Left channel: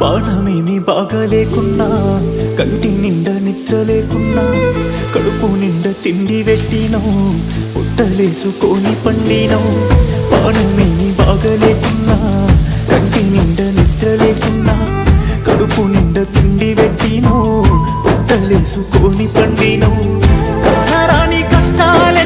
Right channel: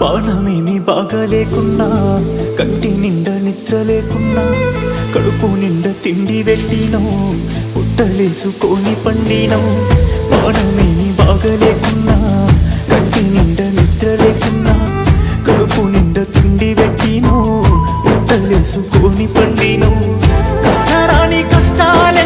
పానమేమి బాగా లేకున్నా, కంటి నిండా నిద్ర లేకున్నా, కడుపు నిండా తిండి పెట్టినో, పుట్టలేసుకొని పండినో. పానమేమి బాగా లేకున్నా, కంటి నిండా నిద్ర లేకున్నా, కడుపు నిండా తిండి పెట్టినో, పుట్టలేసుకొని పండినో. కానరాని కష్టాలే